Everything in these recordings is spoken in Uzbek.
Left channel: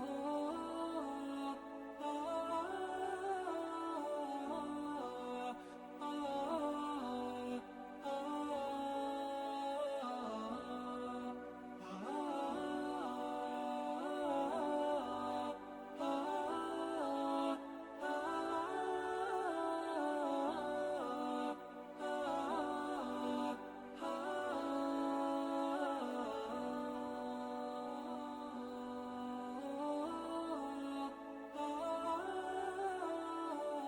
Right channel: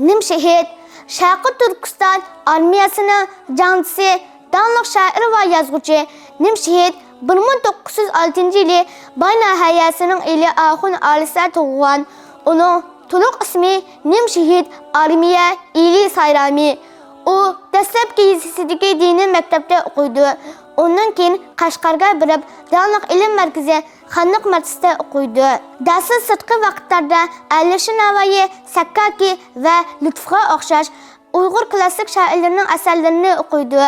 Nimşehir, Şarkı Türkistan armiyasının cancısı, danlıq şair ve yazgıcı Nimşehir 1906 yılı Bayna Hayasının ili Ahun Alisa doğulan. Onun tuluq ismi Nimşehir Armiya İli Sayrami. O dastlabki yezisidagi dini maktabda o'qiydi. Ondan keyin Qashqarga birib, Danlıq ilm markazi Xanliq madrasasida o'qiydi. Darsiz sirtqi vaqtlarda Alisher Navoiy, Sakkaki va Lutfga o'xshash Uyg'ur klassik shoirlarining asarlarini o'qiydi.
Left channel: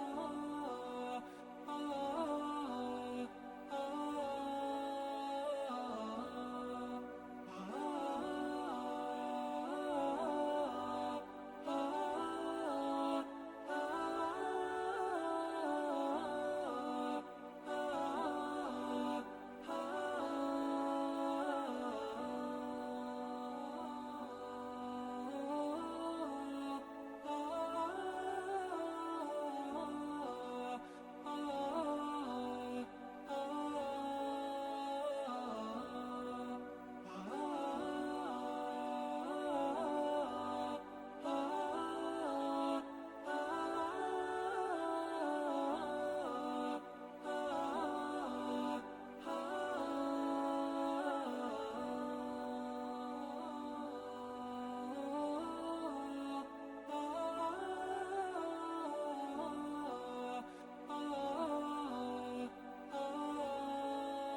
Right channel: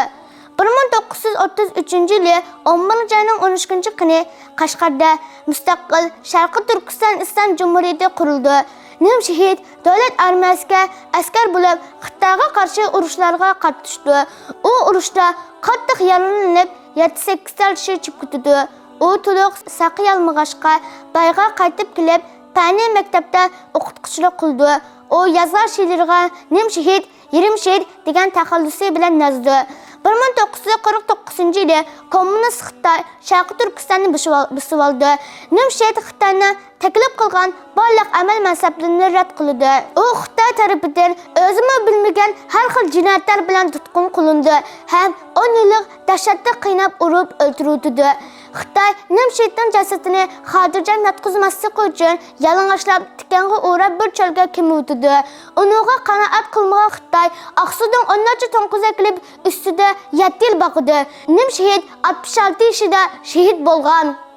1933 yılı 11 ayının 13 kuni Qashqarda mustaqil Sharqi Turkiston Islom Cumhuriyati qurildi. Nimşehir davlat armiyasiga askar bo'lib, Xitoyga qarshi urushlarga qatnashdi. U urushda qattiq yaralanib, 7-8 kishi chib ketdi. U to'liq saqiyolmag'achqa bayga qaytib kelib, Tani maktabda o'qituvchilik qildi. O yazar she'rlarga Nimşehir, Yerimshehir degan taxallusi bilan yozdi. 1949 yılı Komünist Xitoy Sharqi Turkistonni bosib oldi. Nimşehir Xitoyni taklif qilgan barliq amal mansablarini rad qildi. U Xitoy tarafidan o'zimi bilmagan har xil jinoyatlar bilan tutqun qilindi ham 10 yillik dahshatli qiynab urib o'ldirdi. Xitoy Nimşehirning jasadini xotirjam yotqizmaslik uchun yalang'ochlab tikanga o'rab bir cholga ko'muvdi. Uninga qanoat qilmagan Xitoy Aqsudan 10 to'nqizak qilib ustida 7 yil boqdi. Nimşehir 66 yoshida shahid bo'lgan.